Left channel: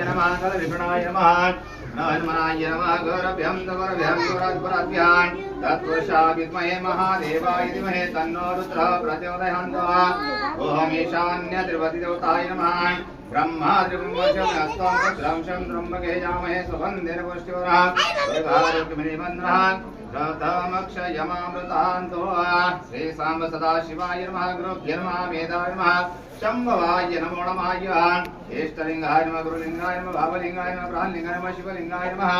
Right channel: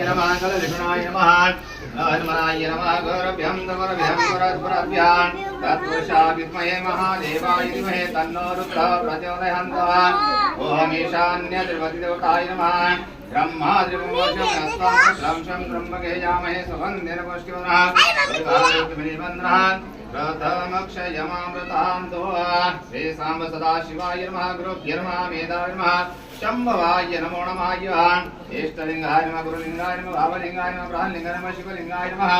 नमः कलविषणाय नमः हनुमनाय नमः गौरभ्यं तवरभ्यं गुरद्भ्यां तत्पुरुषा विद्महे महादेवाय धीमहि तन्नो रुद्रः प्रचोदयात् ॐ ईशान्य नमः ब्रह्मा त्रिपुंशं त्र्यम्बके यामहे सुगन्धिन पुष्टिवरः प्रथमक्षयमामृतान्तो श्री साम्ब सदाशिवाय नमः गुरुभ्य नमः मेधाय नमः शम्भवाय नमो नमाय इष्टलिङ्गाय नमः गुरुलिङ्गाय नमः भावलिङ्गाय नमः प्राणलिङ्गाय नमः शिवलिङ्गाय नमः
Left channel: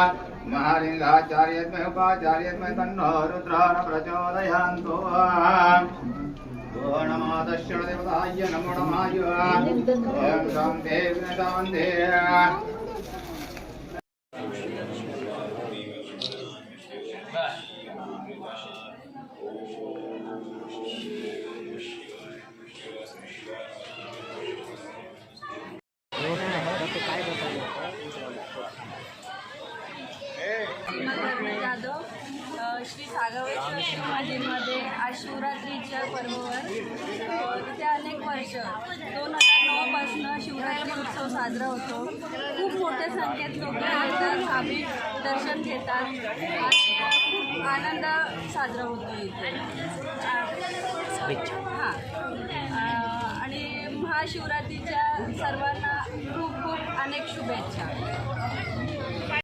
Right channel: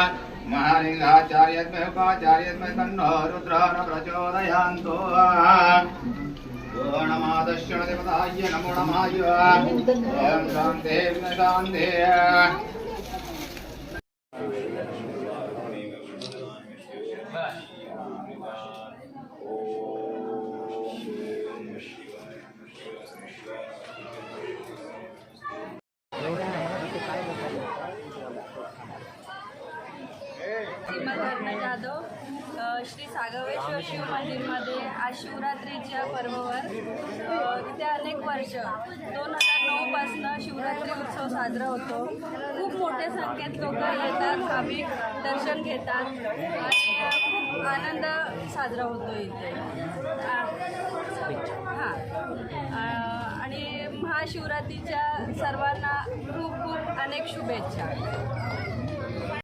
महालिङ्गाचार्यत्मय उपाचार्यत्मय तन्नो रुद्र न प्रचोदयान्तो ॐ नमो दक्षिणदेवताय नमो नमाय ॐ शान्ते विनशान्ते जाधव श्री सागवेश्वर शिव मंदिरमध्ये आज शिवरात्रीच्या पर्वावर तिथे अनेक वर्ष दोन हजार नऊपासनं शिवरात्री उत्सव साजरा होतो. खूप मोठ्या संख्येत लोक येतात भाविक दर्शन घेतात. आनंद साजरा होतो इथे. हां. आणि महाशिवरात्रीच्या सर्वांना खूप खूप अनेक शुभेच्छा.